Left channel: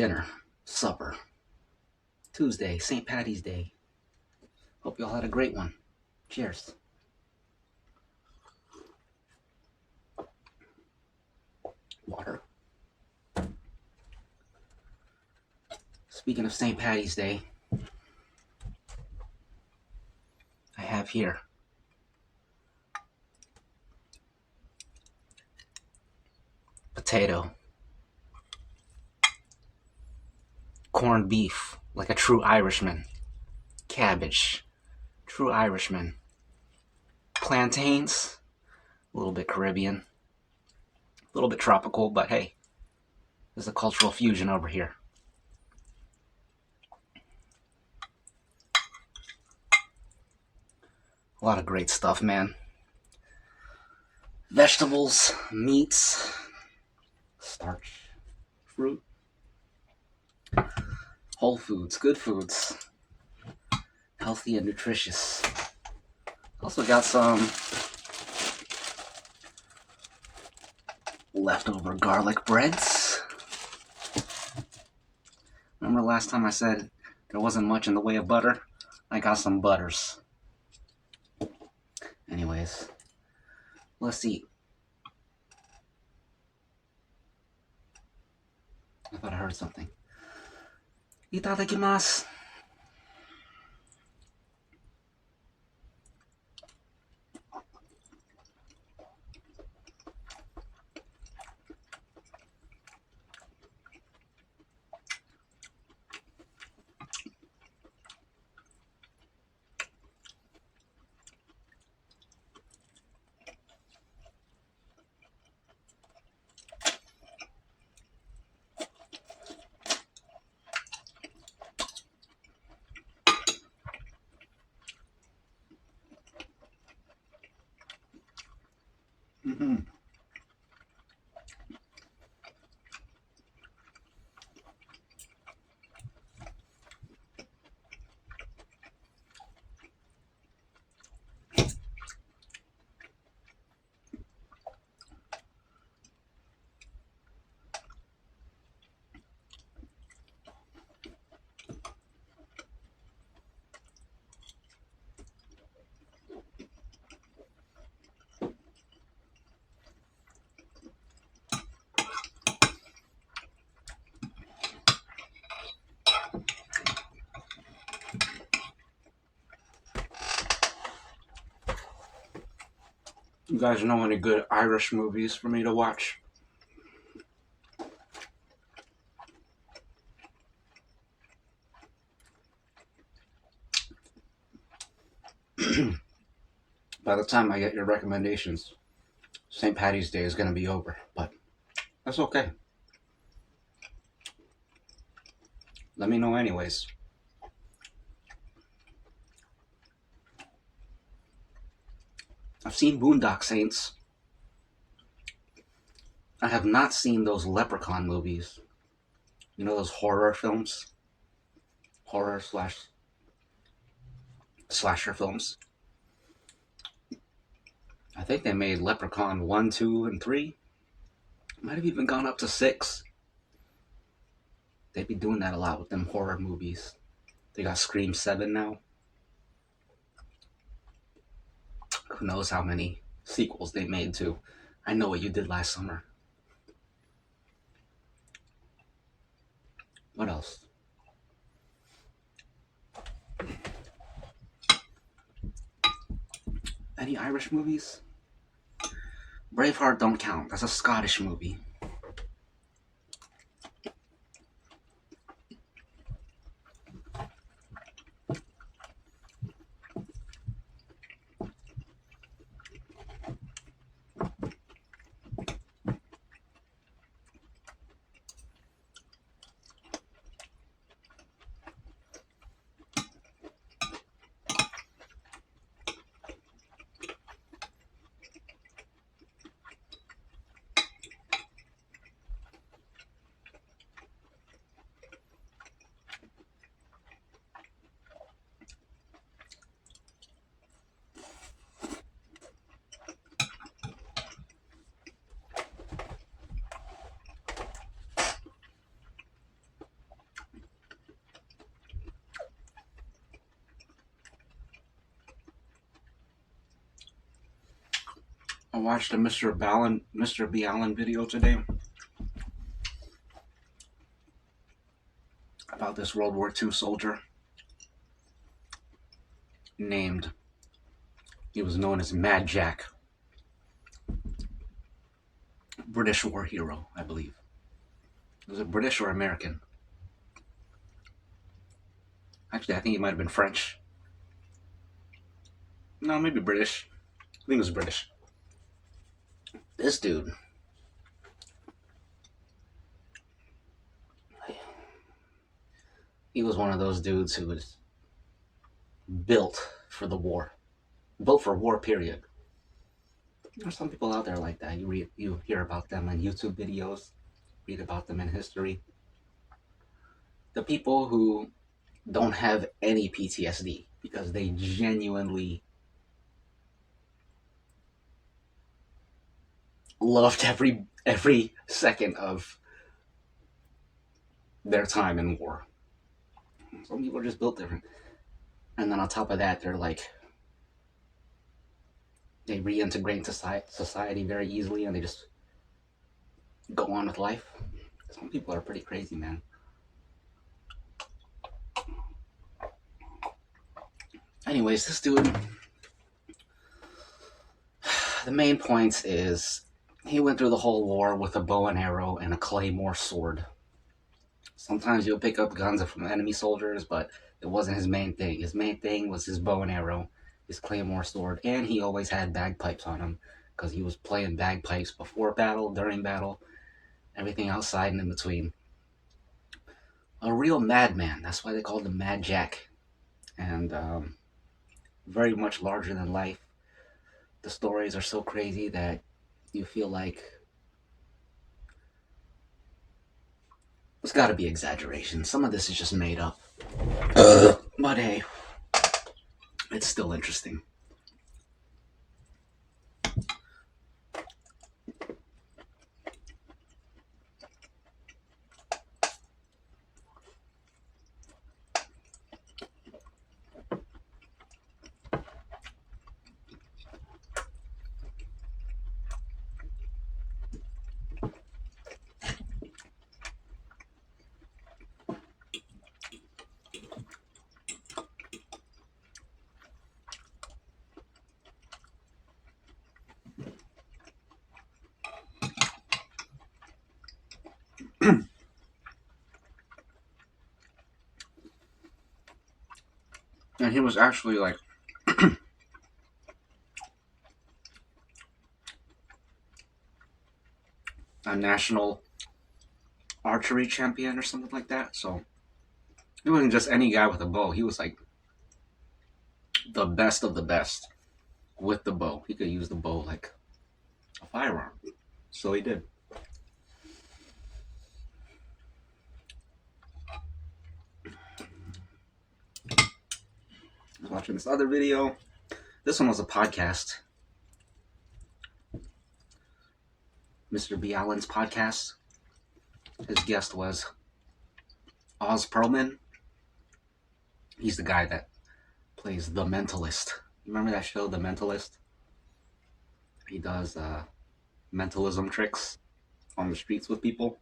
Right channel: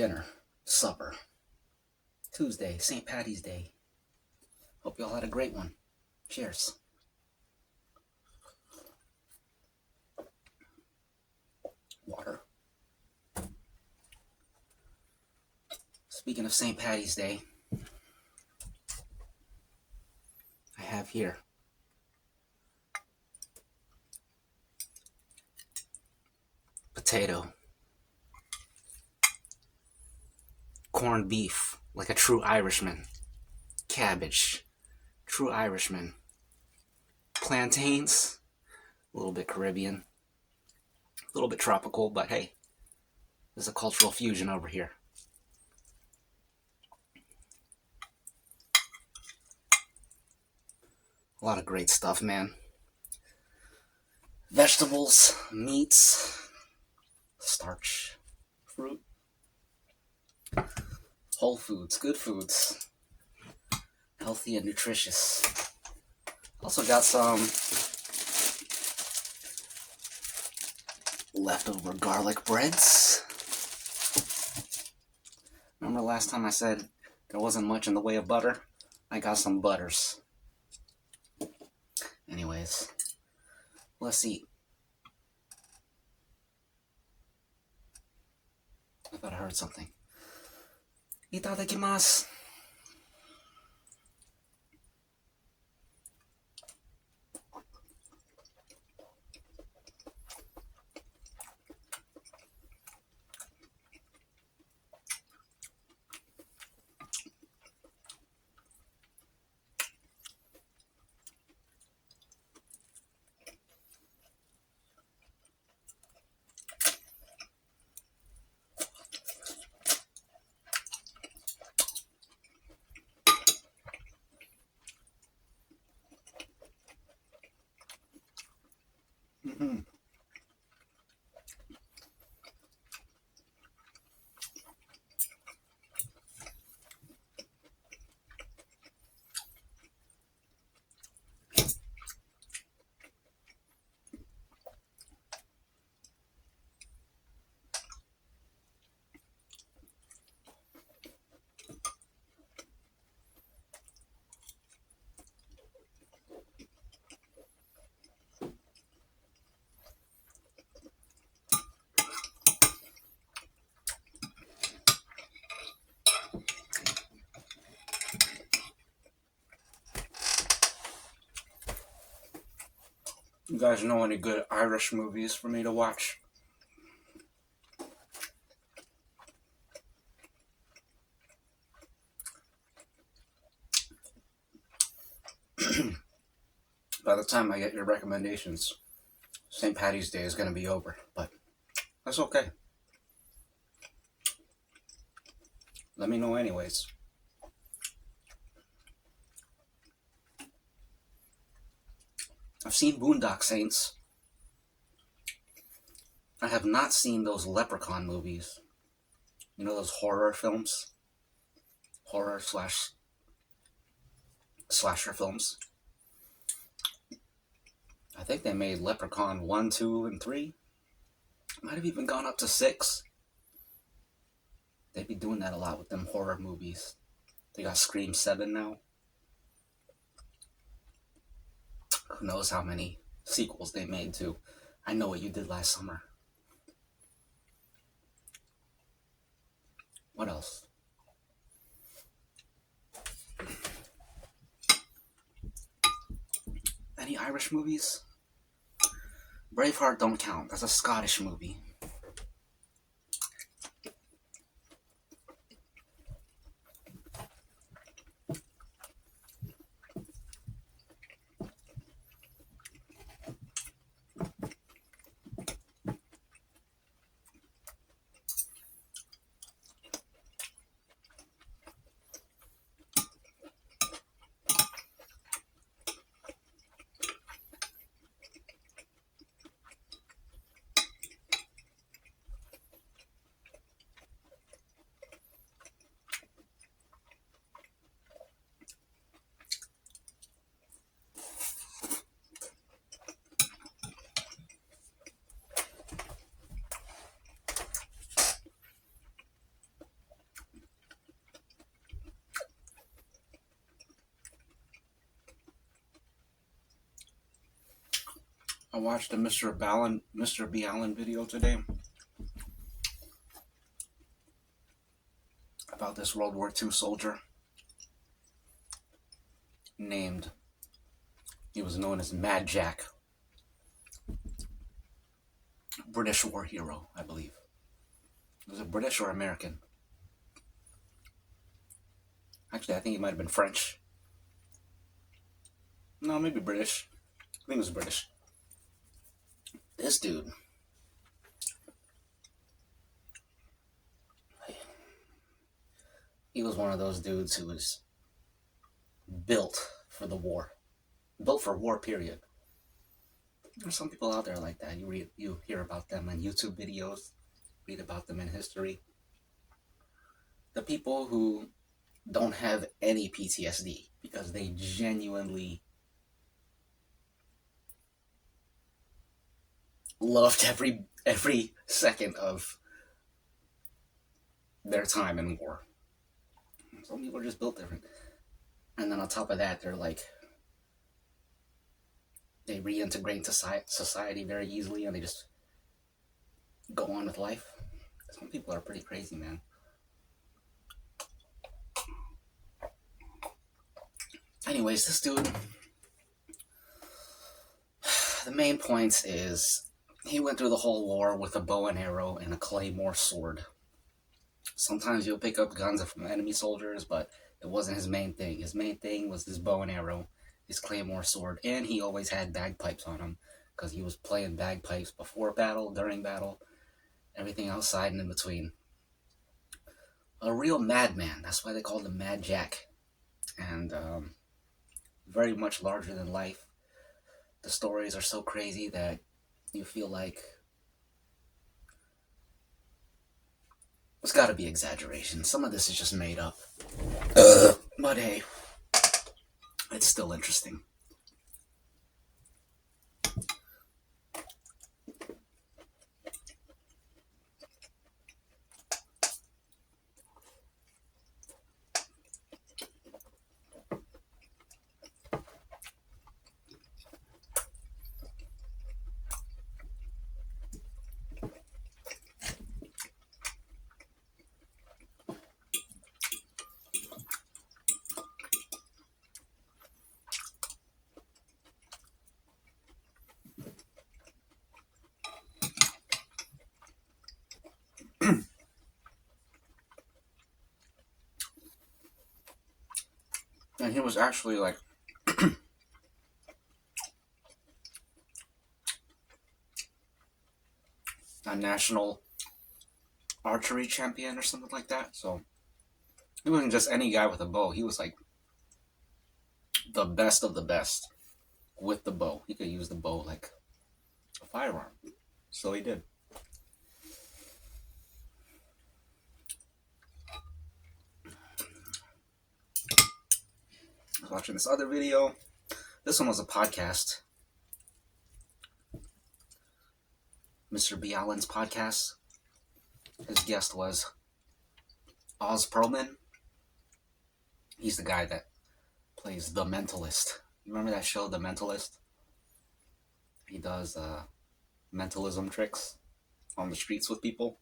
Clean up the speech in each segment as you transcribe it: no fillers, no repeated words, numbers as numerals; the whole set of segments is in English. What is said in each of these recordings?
dinner, supper. Tuesday, St. Patty's Day. Hope you all had a great one. Cheers. Water. Speaking of St. Patty's Day, I have here potato, corned beef, like a true Irishman, cabbage, true Irishman, plantains, a little bit Caribbean, a little bit tropical, but hey, there's a cultural fusion over here. A lot of great stuff, man. Vegetables, meats, starch, fruit, whole foods, good foods, healthy and nutritious. Also got some leftover garlic breads. Remember last time I said there wasn't much in the way of butter? I got some butters. Anyways, let's eat. I thought I heard something. Itadakimasu. Mm-mm. You guys know any good Irish movies for me to watch? By the time I get your recommendations, St. Patty's Day is going to be over, but that's okay. Let me know anyways. I've seen Boondock Saints. I have not seen those Leprechaun movies. You know those horror films? Horror slash slasher films. I think they made Leprechaun 1, 2, and 3. Might have even gone up to 6. They be doing that a lot with them horror movies. They got Scream 7 now. Who knows how many sequels they made to I Know What You Did Last Summer. What else? Any Irish movies? Braveheart don't count. That's a Scottish movie. I watched a Mr. B. Allen video today about this World War II soldier named, he was known as Mad Jack, British war hero, I believe. Was it British or American? Actually, I think he might have been French. No, maybe British. I think it was British. This dude, he was one of those dudes who was built for the war, built for war. Period. There's some people out there like that. You hear about them on YouTube videos, read about them in history. The people who don't have any PTSD because they genuinely loved every second of their time in war. Some people are just built different. And then on top of that, they reintegrate into society very easily and they just go on with life. Some people are pretty crazy, man. Anyways, this dude, the main points is he went through the whole war with a bow and arrow and a claymore sword. Sometimes you'll pick up guns from enemy soldiers, but it wasn't his main thing. His main thing was his bow and arrow, his claymore sword, and he always had bagpipes on him because he was playing bagpipes before battle, during battle, everything outside and in between. A real madman. That's why they called him Mad Jack. And very much larger than life. The stories are so crazy that you feel like it's got to be exaggeration. Some of this is just made up. But hey, it's still interesting. And he was actually like a national archery champion or something like that. So he wasn't just any guy with a bow. He was like the best of the best with the bow. He could use the bow like a firearm. So he did. I was watching this other video. This one was a podcast. Mr. B. Allen's podcast. His guest was Oz Perlman. He's the guy that plays The Mentalist. Remember that show, The Mentalist? He does mentalism tricks on the streets with people.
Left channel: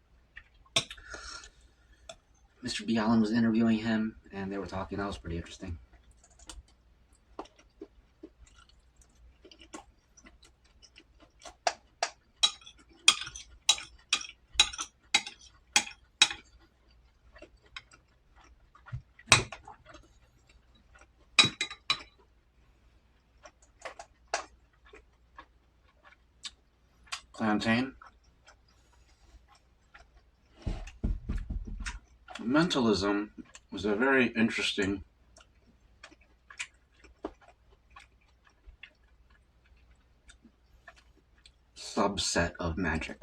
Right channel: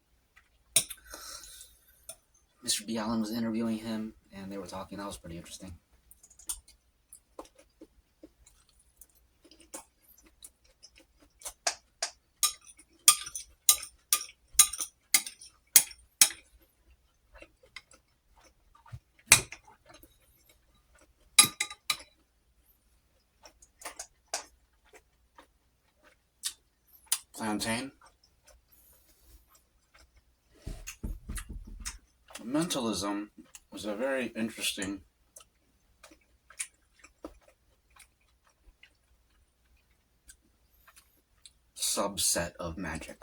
Mr. B. Allen was interviewing him, and they were talking. That was pretty interesting. Plantain. Mentalism was a very interesting subset of magic.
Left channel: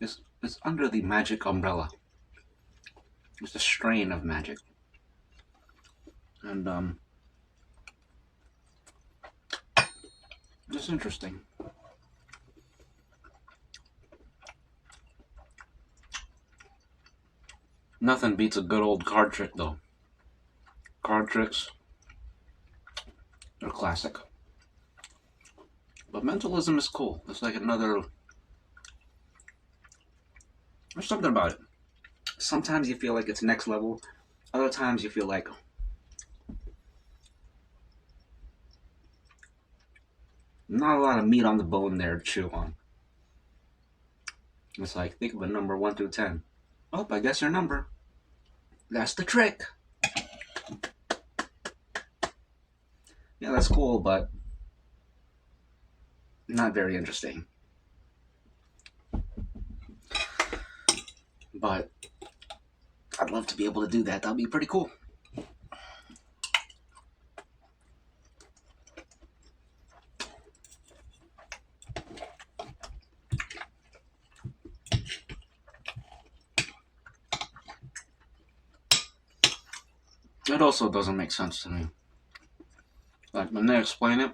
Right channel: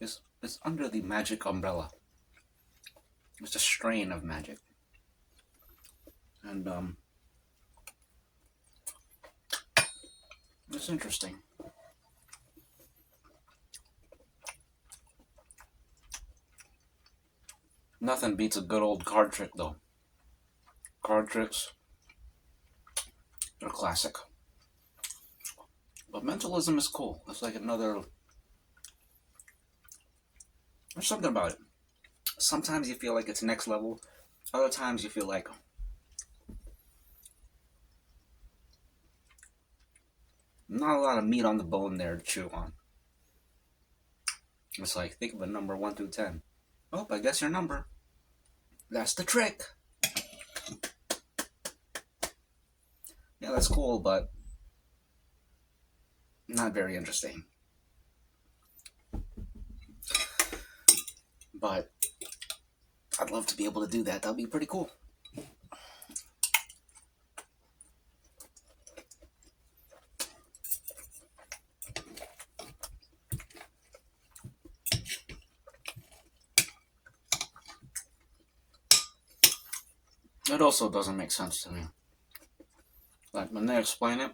It's under the magic umbrella. It's a strain of magic. And it's interesting. Nothing beats a good old card trick, though. Card tricks are classic. But mentalism is cool. It's like another. There's something about it. Sometimes you feel like it's next level. Other times you feel like not a lot of meat on the bone there to chew on. It's like, think of a number 1 through 10. Oh, I guess your number. That's the trick. Yeah, that's cool, but not very interesting. But I'd love to be able to do that. That'd be pretty cool. It also doesn't make sense to me. Like, when they explain it,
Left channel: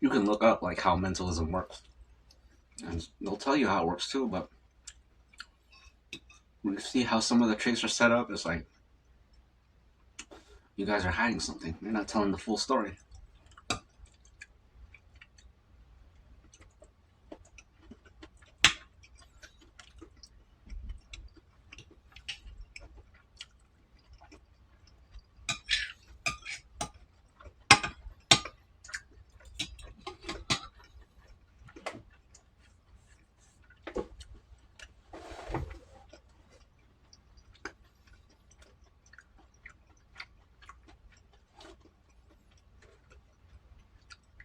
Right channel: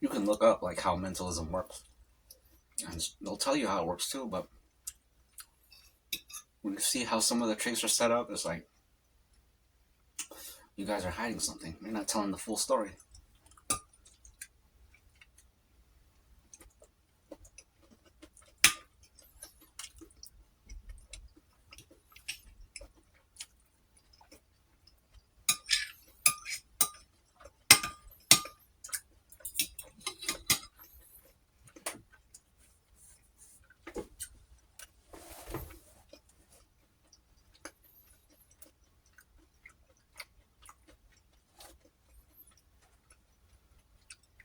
you can look up, like, how mentalism works. And they'll tell you how it works, too, but when you see how some of the tricks are set up, it's like, you guys are hiding something. You're not telling the full story.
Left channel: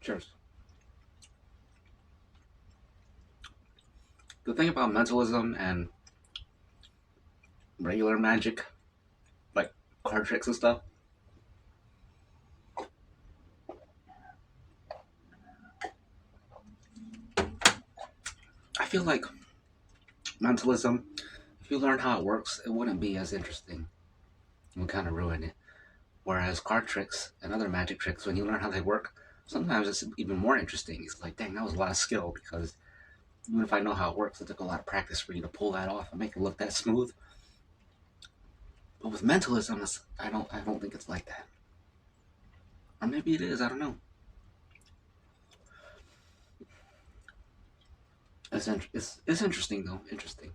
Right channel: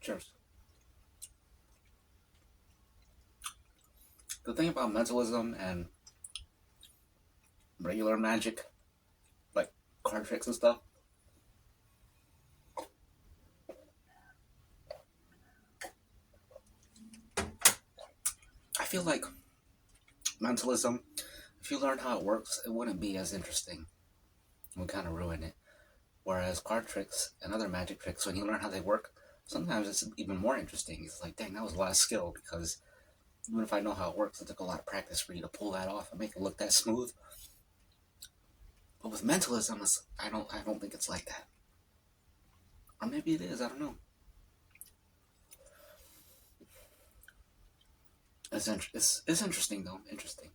Cheers. The thing about mentalism and regular magic, like card tricks and stuff, I feel like mentalism, if you learn how it works, it wouldn't be as interesting. It would kind of ruin it. Whereas card tricks and other magic tricks, when you learn how they work, sometimes it's even more interesting. It's like, dang, that was a lot of skill because even if I know how it works, it took a lot of practice for you to pull that off and make it look that smooth. But with mentalism, I don't think it's like that. Or maybe it is. I don't know. It's interesting though. Interesting.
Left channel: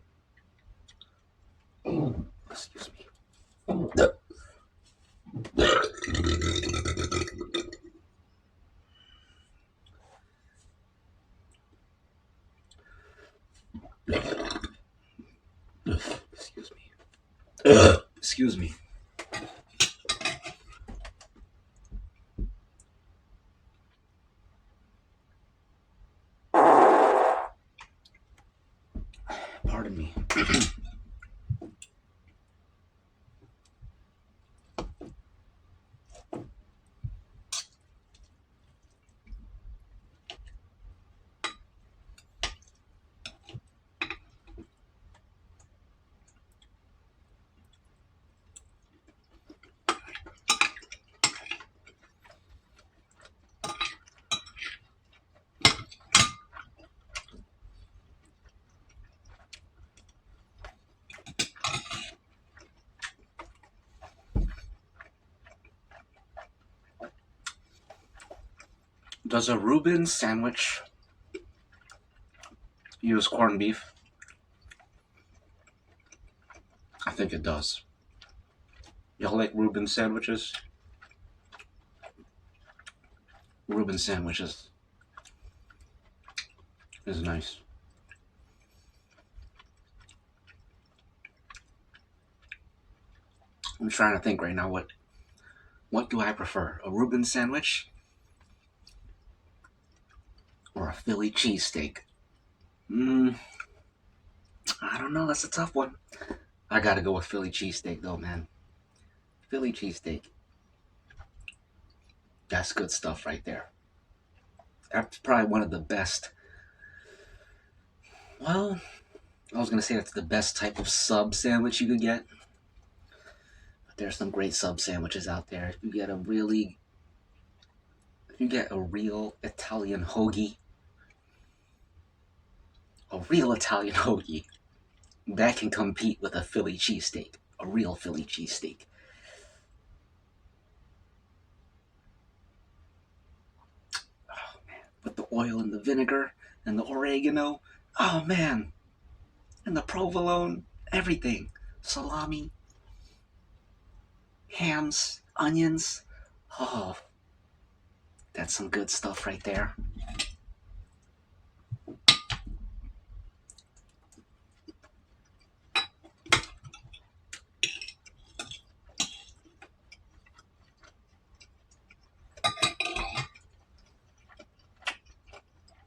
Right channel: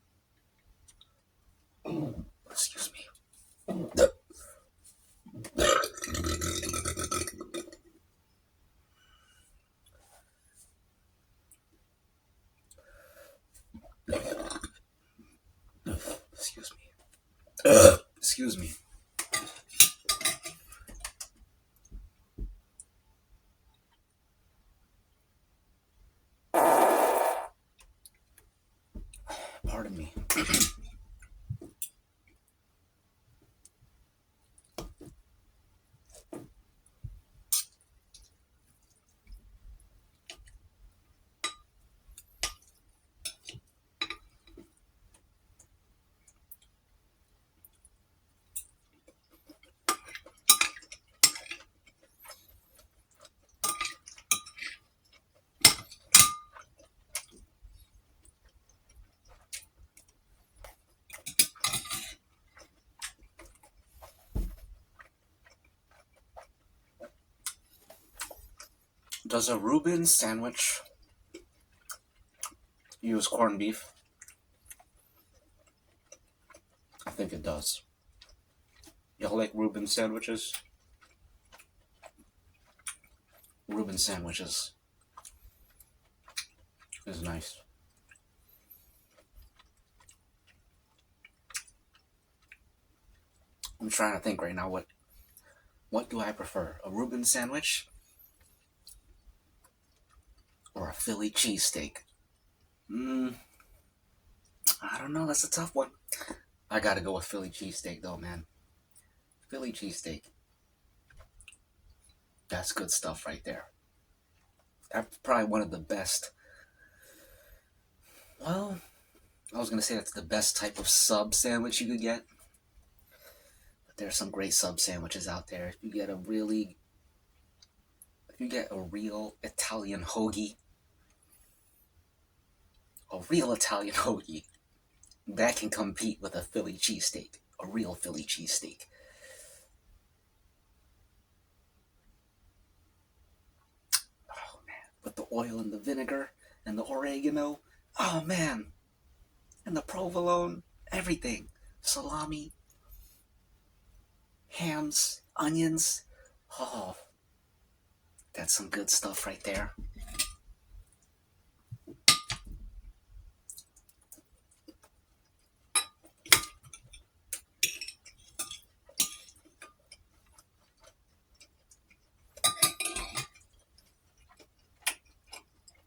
Excuse me. Excuse me. Excuse me. Pardon me. Does a Reuben sandwich use corned beef? I think it does. Y'all like Reuben sandwiches? Reuben sandwiches is nice. I'm trying to think right now. What do I prefer? A Reuben sandwich or a Philly cheesesteak? I don't know. That's a tough one. I gotta go with Philly cheesesteak though, man. Philly cheesesteak. That's good stuff right there. That's probably one of the best. Well, I was gonna say that's the best type of sub sandwich you could get. But there's some great sub sandwiches out there. If you get a real Italian hoagie, A real Italian hoagie that can compete with a Philly cheesesteak. A real Philly cheesesteak. Oh man, with the oil and the vinegar and the oregano. Oh man, and the provolone, everything. Salami, hams, onions. Oh, that's some good stuff right there.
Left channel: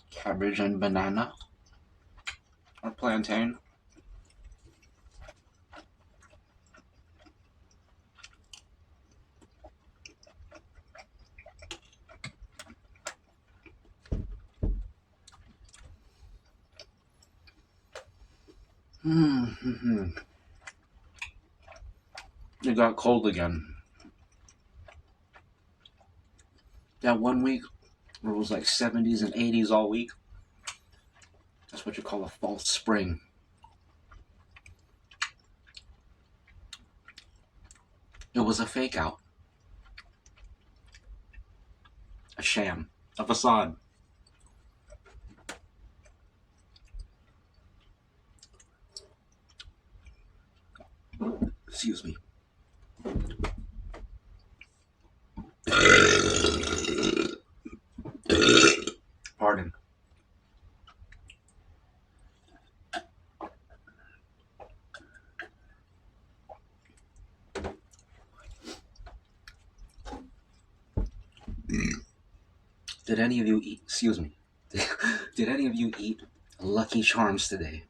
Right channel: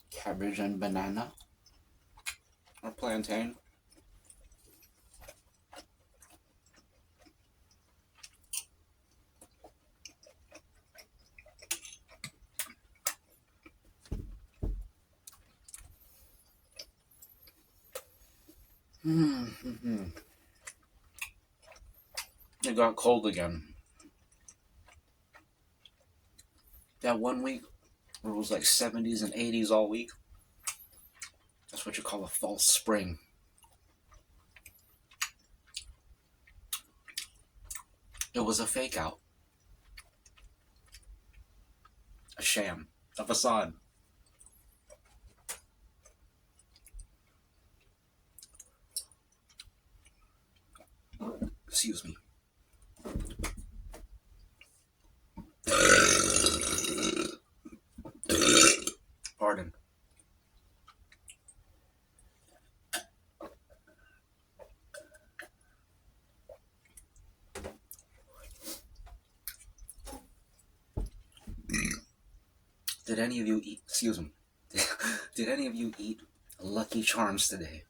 Cabbage and banana or plantain. Mm-hmm. It got cold again. That one week where it was like 70s and 80s all week, that's what you call a false spring. It was a fake out, a sham, a facade. Excuse me. Pardon. Did any of you eat? Excuse me. Did any of you eat Lucky Charms today?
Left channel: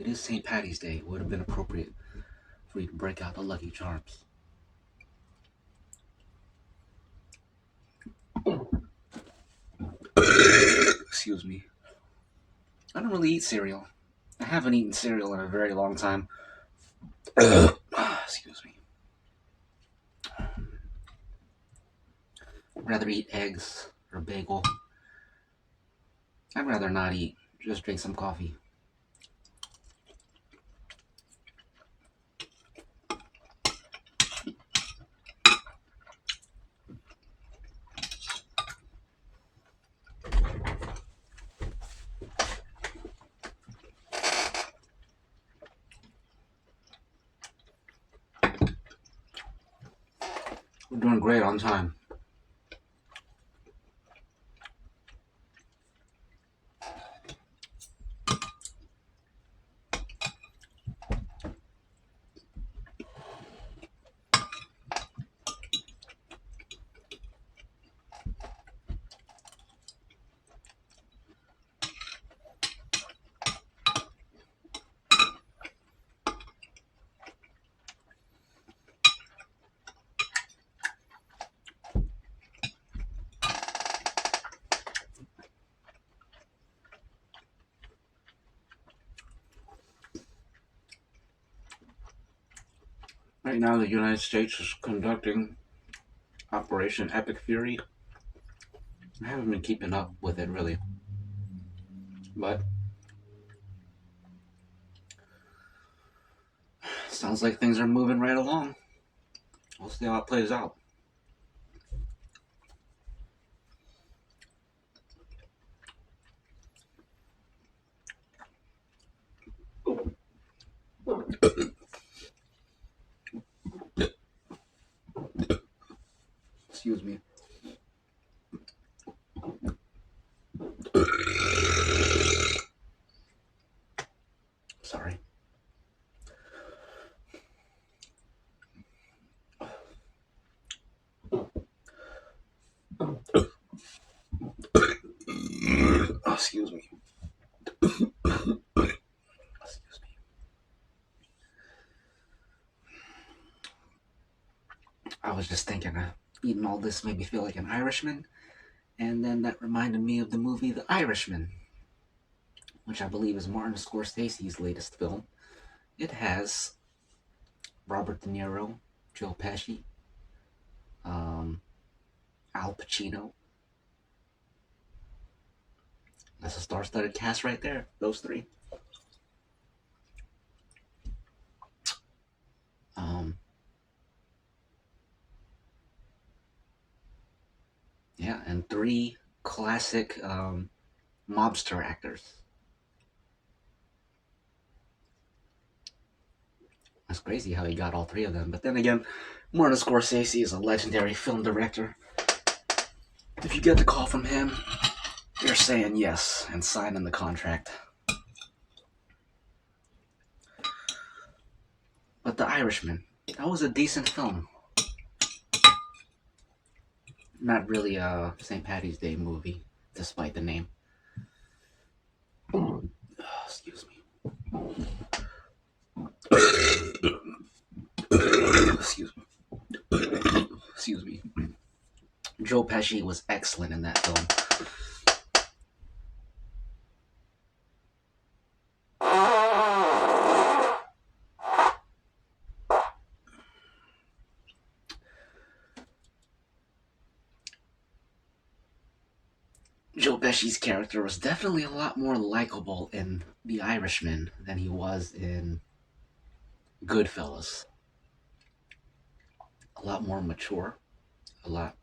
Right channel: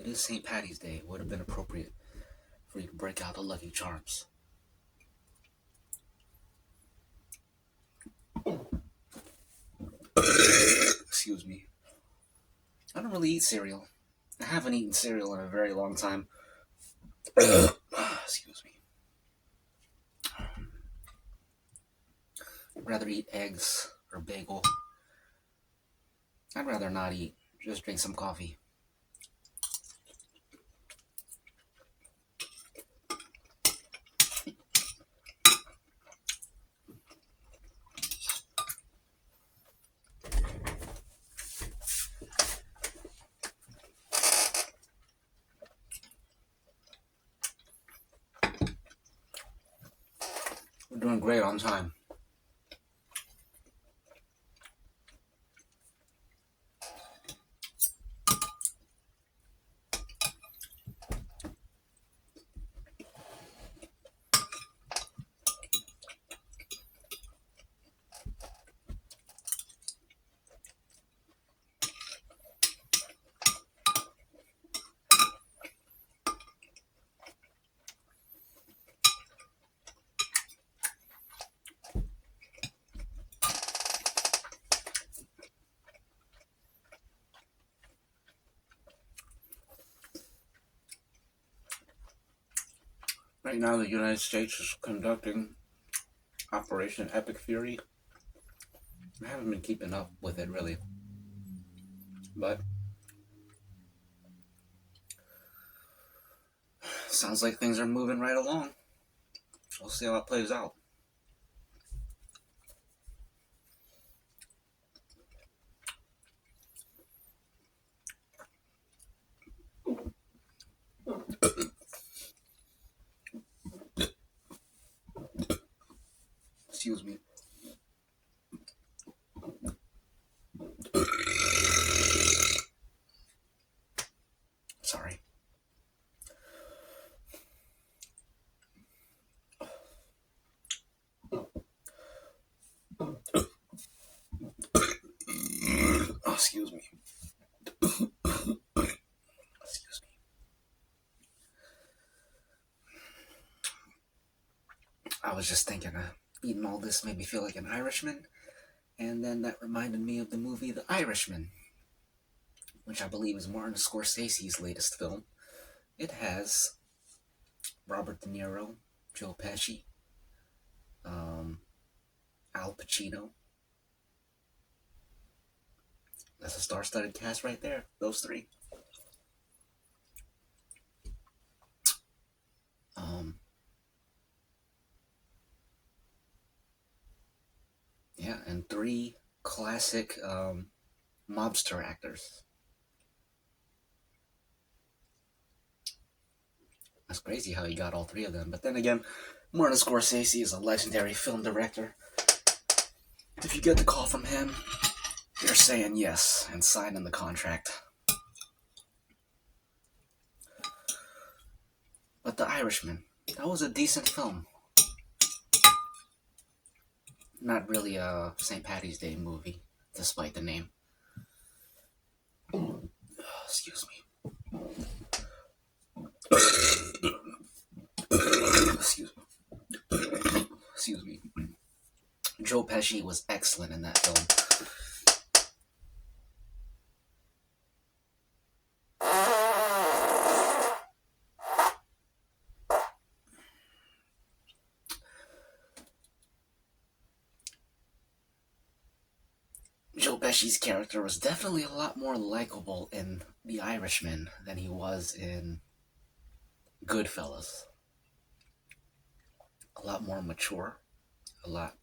It is St. Patty's Day. It would have been appropriate for you to break out the Lucky Charms. Excuse me. I don't really eat cereal. I haven't eaten cereal in a very long time. Excuse me. I'd rather eat eggs or bagel. I'd rather not eat. Just drink some coffee. We're doing great on time. Right now, the United States is conducting Operation Epic Fury. I haven't been keeping up with it really, but sounds like things are moving right along. We'll see how it plays out. Excuse me. Sorry. Oh, excuse me. Excuse me. I was just thinking, eating all this made me feel like an Irishman, and then that reminded me of the movie The Irishman, which I believe is Martin Scorsese's latest film. It has Robert De Niro, Joe Pesci, um, Al Pacino, That's a star-studded cast right there. Those three. Um, yeah, and three classic mobster actors. That's crazy how he got all three of them. But then again, Martin Scorsese is a legendary film director. If you get the call from him, you're saying yes and signing the contract. But The Irishman, that was a decent film. Not really a St. Patty's Day movie, despite the name. Oh, excuse me. Excuse me. Excuse me. Joe Pesci was excellent in that film. Joe Pesci's character was definitely a lot more likable in The Irishman than he was in Goodfellas. A lot more mature, a lot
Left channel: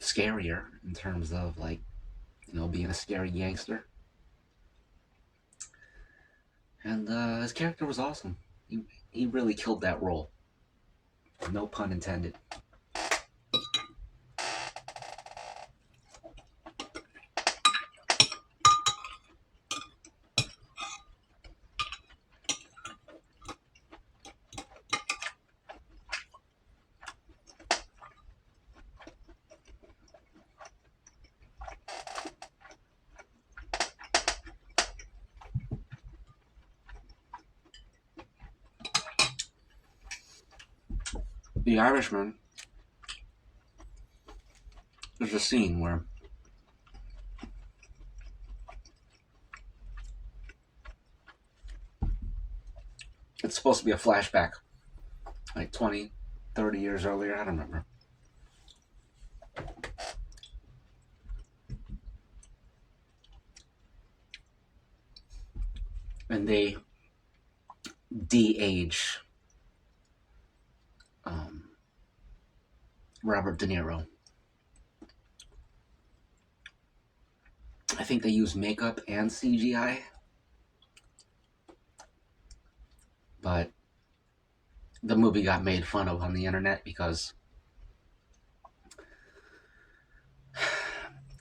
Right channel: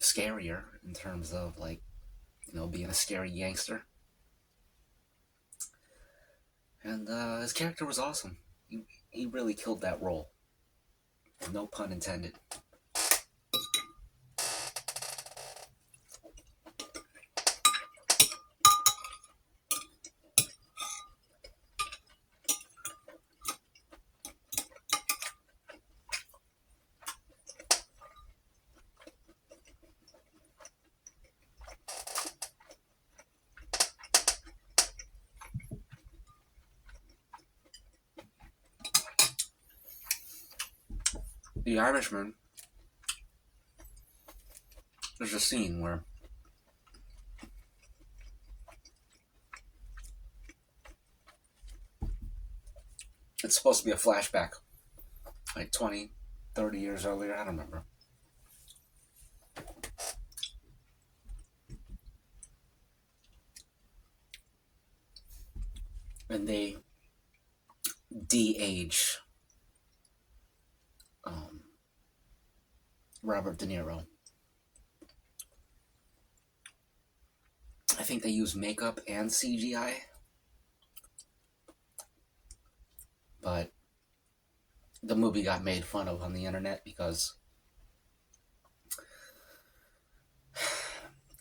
scarier in terms of being a scary gangster. And his character was awesome. He really killed that role. No pun intended. The Irishman, there's a scene where it's supposed to be a flashback, like 20, 30 years earlier, I don't remember. And they de-age Robert De Niro. I think they use makeup and CGI, but the movie got made fun of on the internet because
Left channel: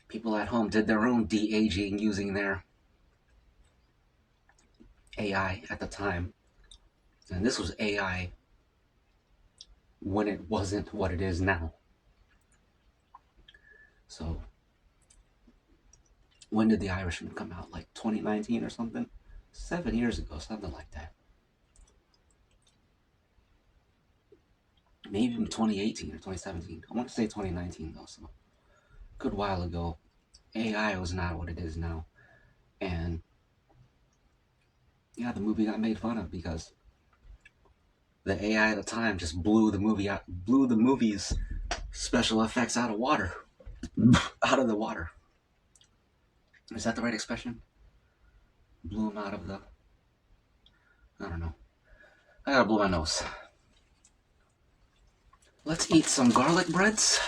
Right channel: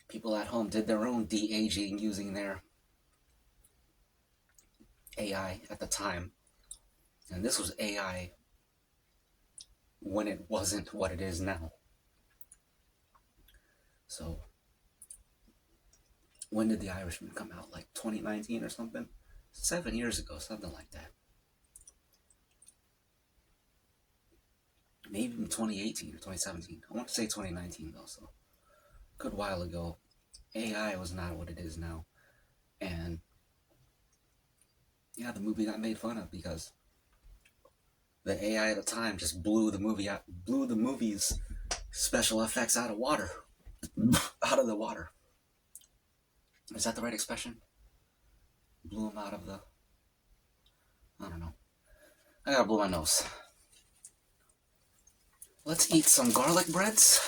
people at home did their own de-aging using their AI at the time. And this was AI when it wasn't what it is now. So, when did The Irishman come out? Like 2019 or something? 7 years ago, something like that. Maybe even 2018 or 2017. I want to say 2019 though, so good while ago. AI was not what it is now. And yeah, the movie got made fun of because the AI at the time just blew the movie's special effects out of water. Out of the water. Is that the right expression? Blew them out of the... I don't know. I gotta blow my nose. Let's eat some garlic breads.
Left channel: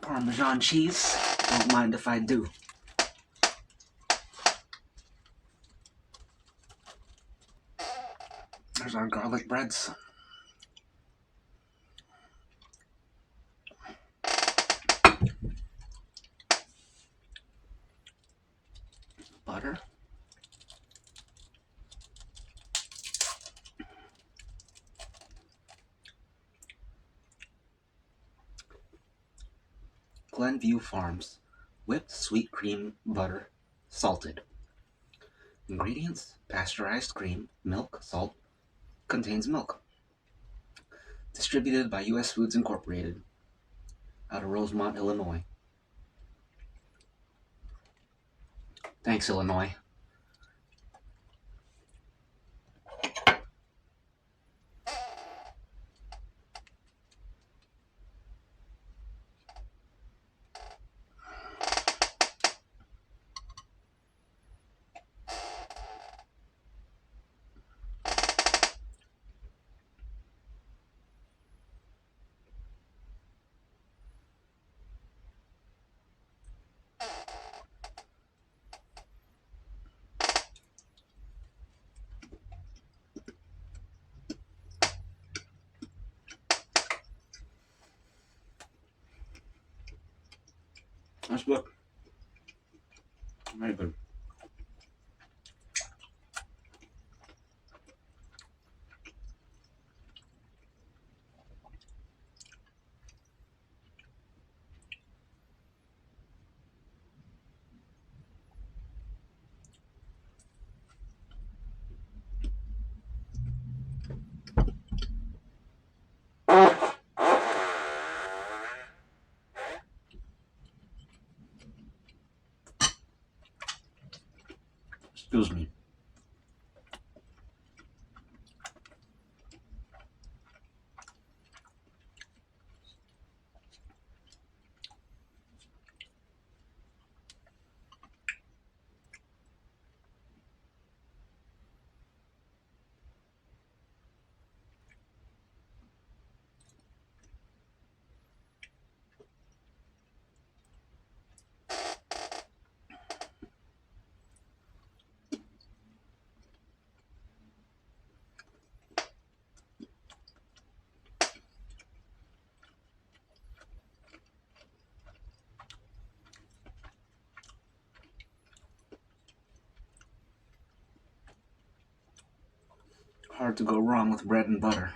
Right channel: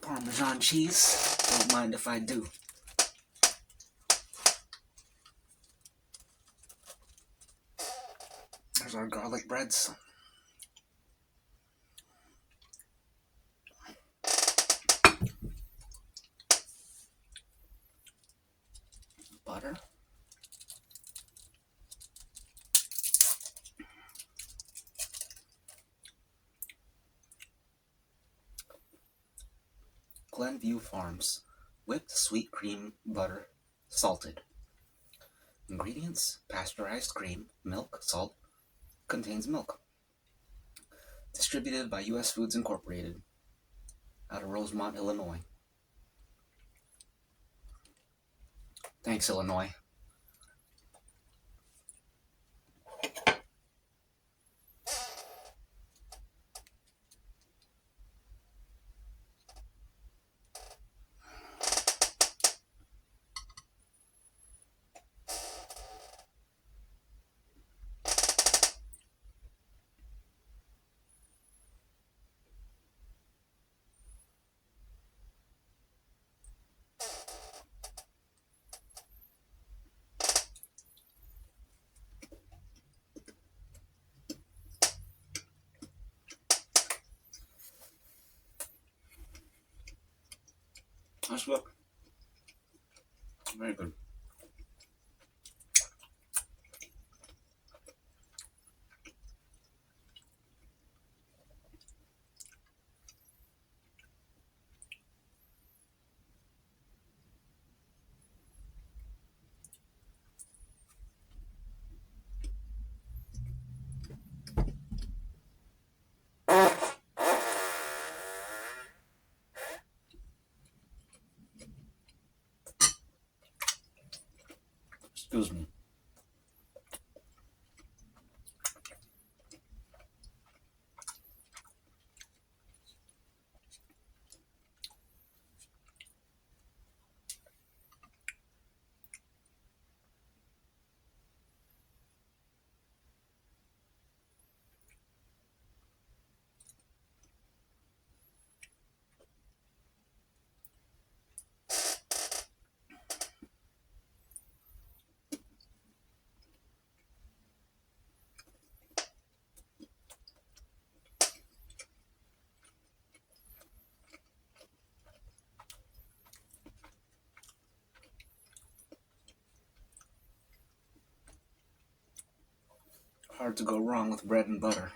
Parmesan cheese. Don't mind if I do. There's our garlic breads. Butter. Glenview Farms. Whipped sweet cream butter. Salted. Ingredients: pasteurized cream, milk, salt. Contains milk. Distributed by U.S. Foods Incorporated out of Rosemont, Illinois. Thanks, Illinois. Nice book. Very good. Excuse me. Hard to go wrong with bread and butter.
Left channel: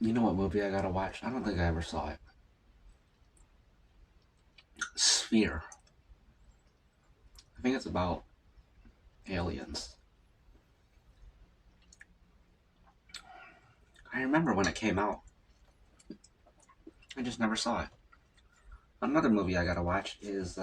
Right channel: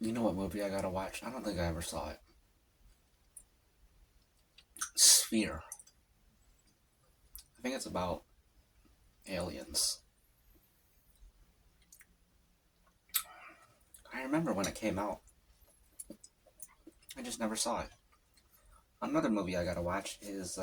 You know what movie I gotta watch? I don't think I ever saw it. Sphere. I think it's about aliens. I remember when it came out. I just never saw it. Another movie I gotta watch is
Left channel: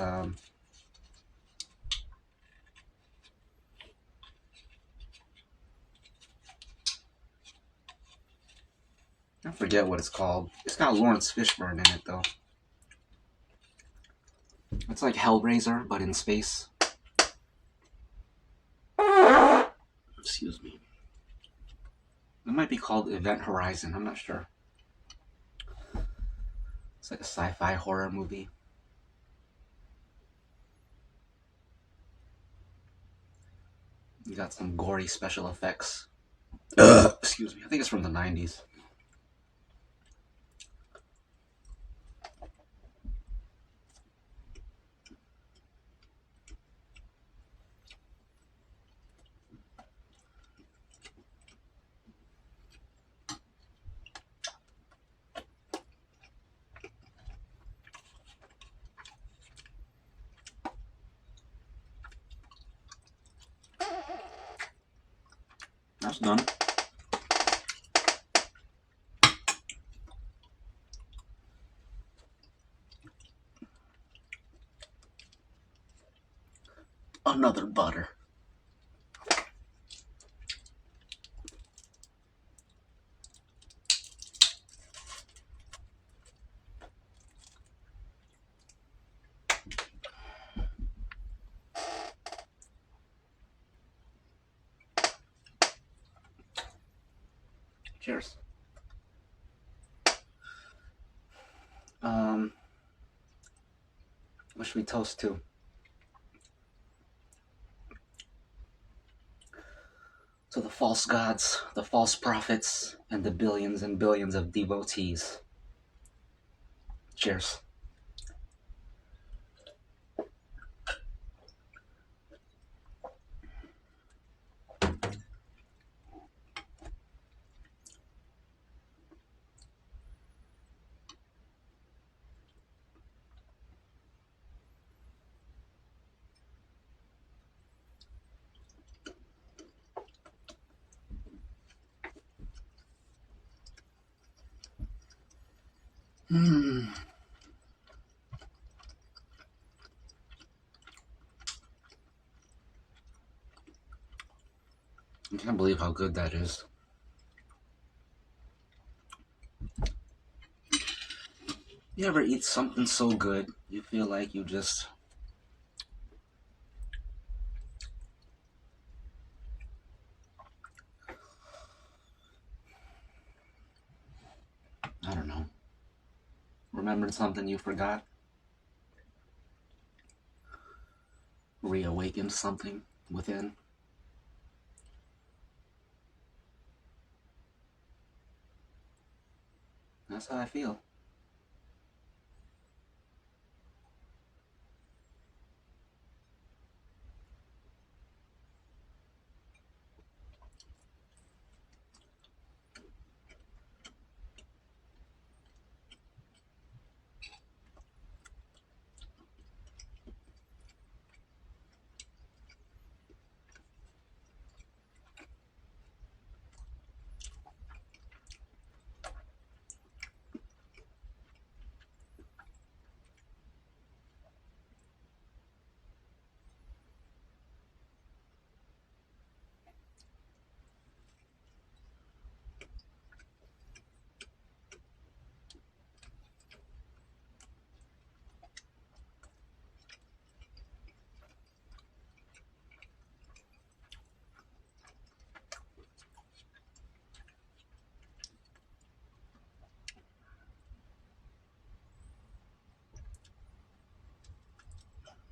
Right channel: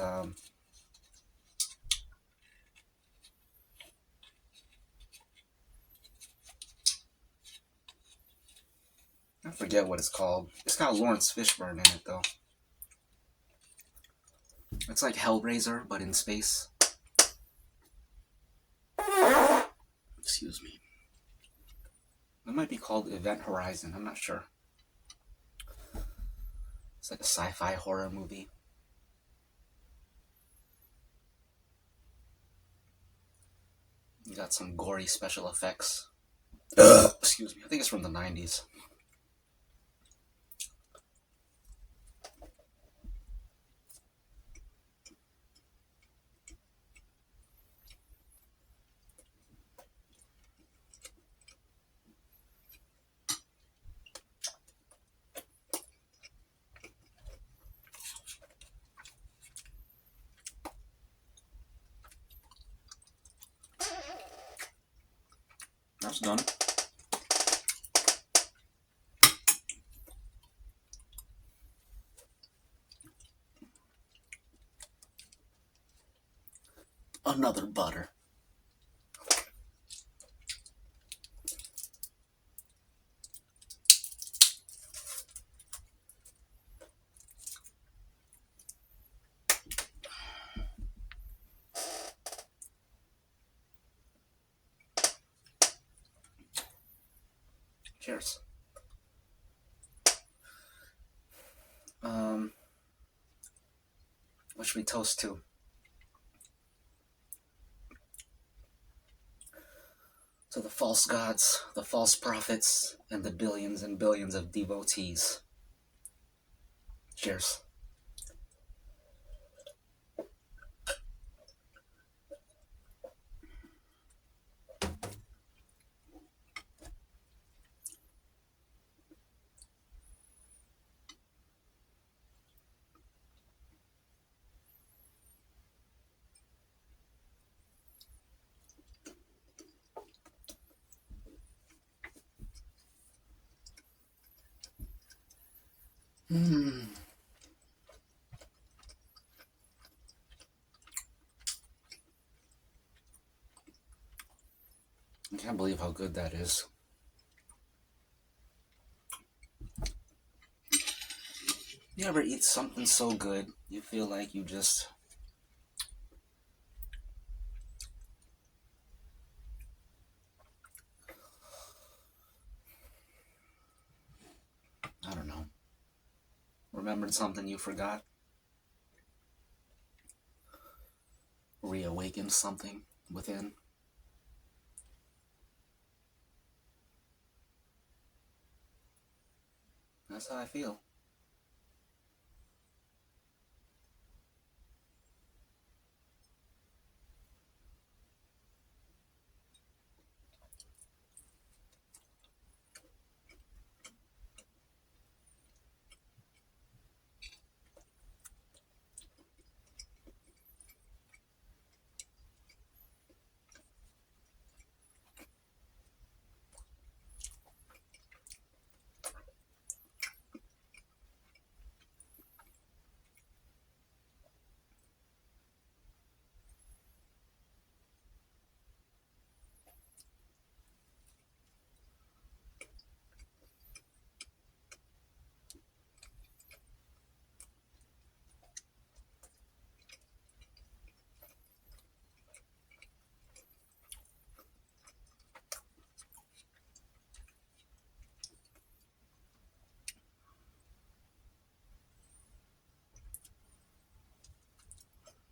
I forget what it's called. It's got Lawrence Fishburne in it though. It's like Hellraiser, but in space. Excuse me. It might be called Event Horizon. I'm not sure. It's like a sci-fi horror movie. You got some gory special effects. Excuse me. I think it's from the 90s. That's done. Another butter. Cheers. What should we toast to? To the false gods, the false prophets, and the billions and billions of devotees. Cheers. I can't believe how good that is. You ever eat something so good, you feel like you just... I don't know. Remembered something you forgot? Reawakened something within? That's how I feel.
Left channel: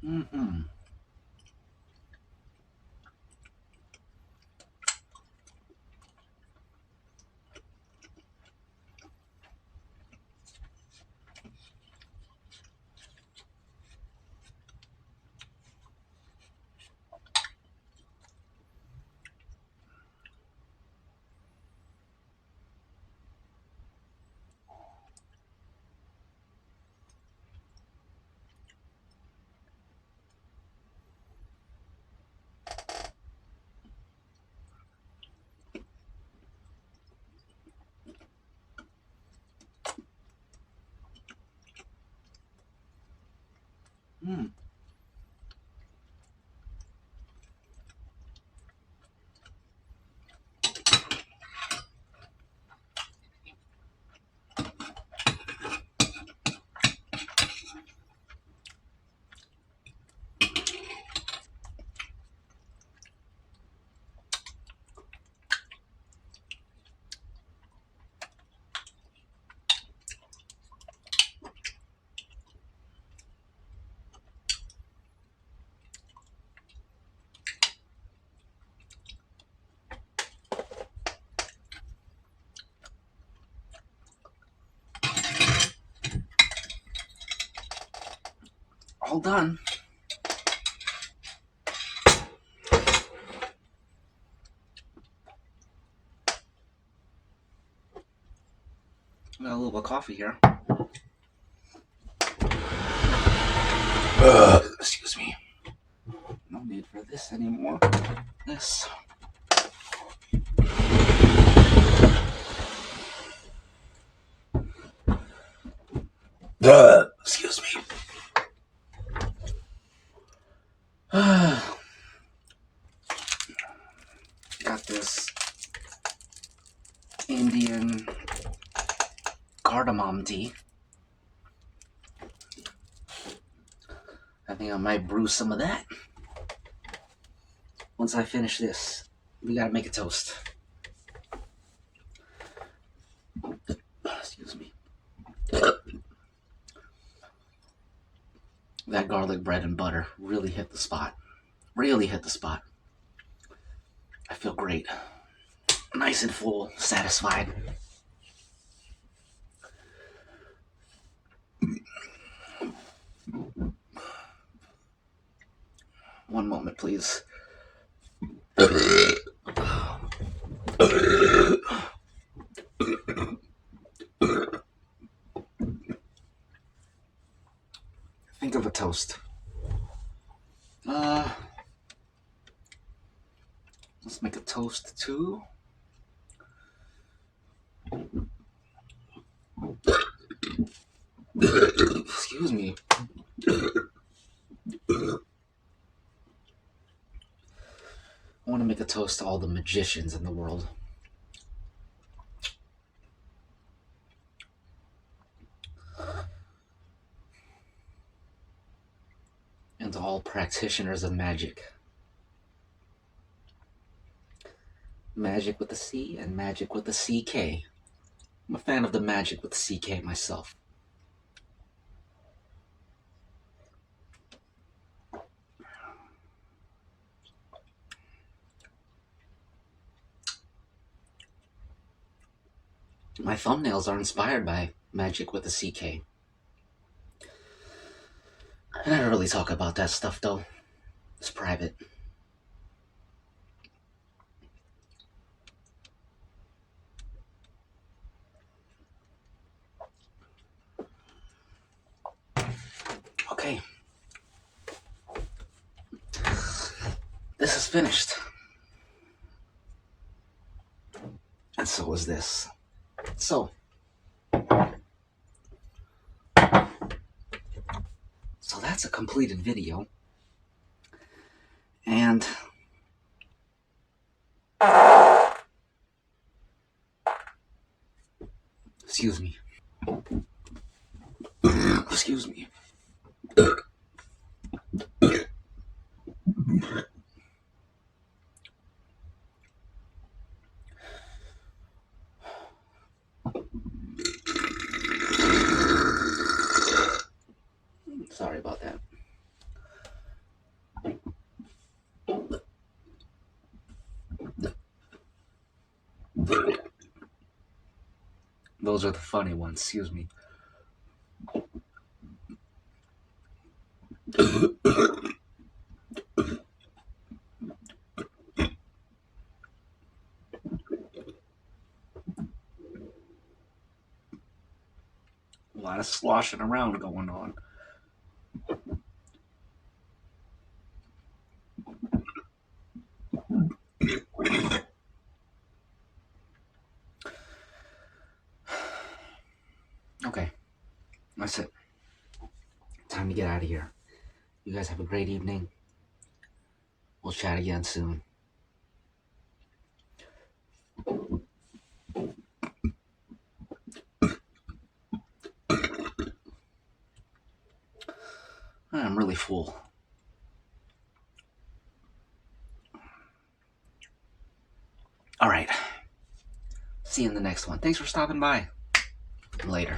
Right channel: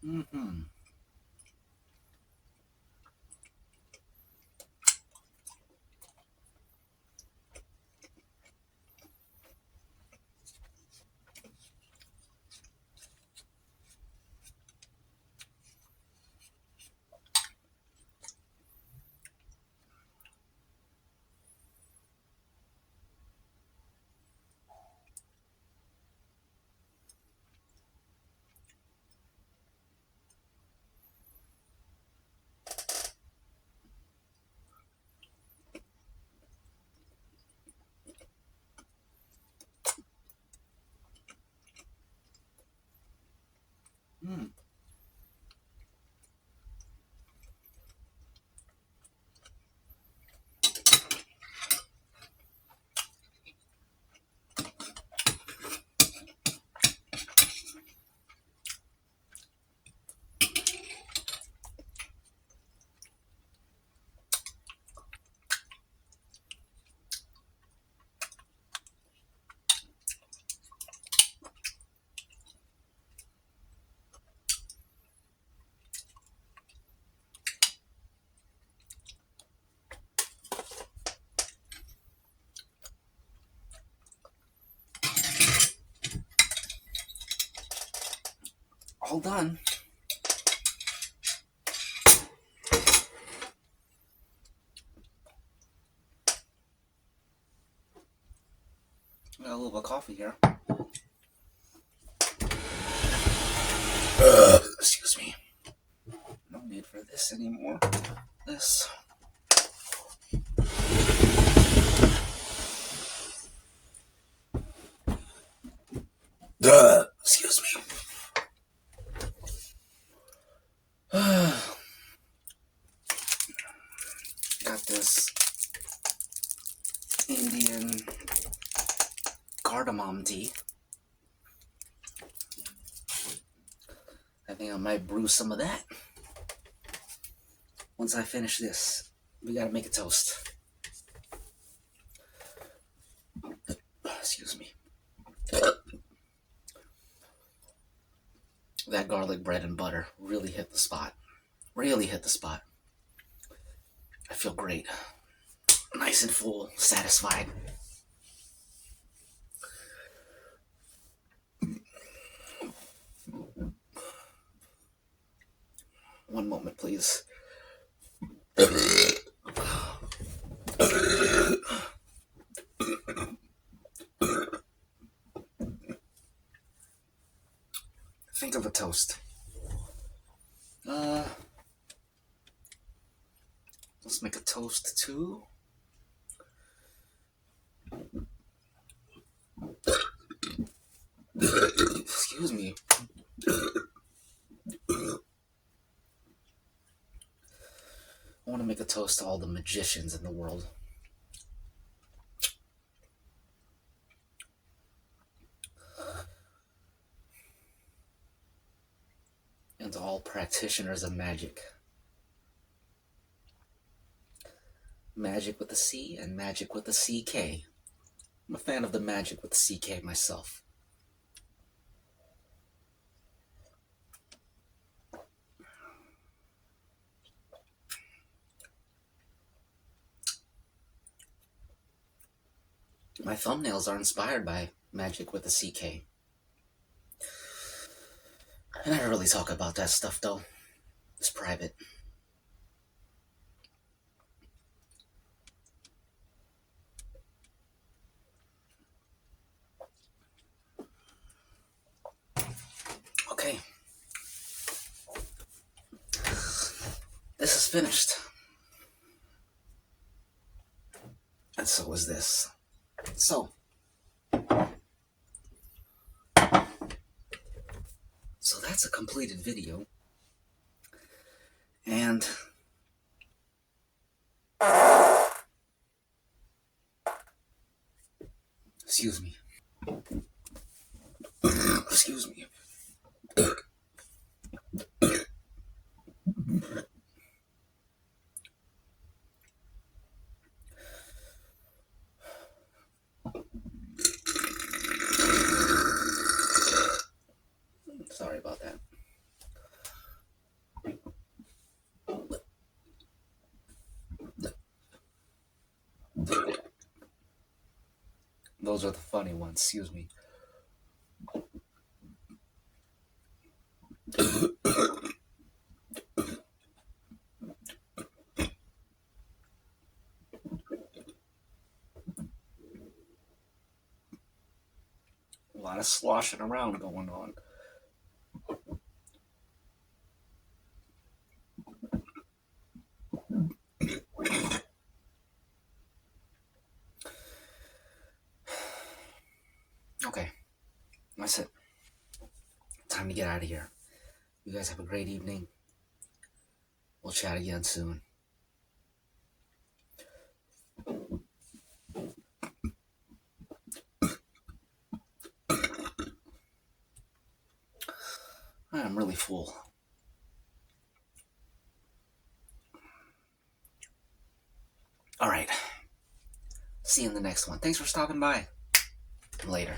Mm-hmm. Mm. All done. Got a little bit of coffee here. Excuse me. No need for this anymore. This. Excuse me. Got this Indian cardamom tea. I think I might brew some of that. Once I finish this, we gotta make a toast. Excuse me. That garlic bread and butter really hit the spot. Really hit the spot. I feel great. Nice and full, satisfied. One moment, please. Think of a toast. Let's make a toast too. Excuse me. I want to make a toast to all the magicians in the world. And to all practitioners of magic. Magic with a C and magic with a CK. I'm a fan of the magic with the CK myself. My thumbnails are inspired by magic with a CK. I never really talk about that stuff though. It's private. Okay. This is finished. And so is this. So that's a completed video. And excuse me. Excuse me. Sorry about that. Those are the funny ones, excuse me. A lot of sloshing around going on. Okay, that's it. Time to get out of here. You guys have a great evening. We'll chat again soon. I'm really full. All right. See you in the next one. Thanks for stopping by. Later.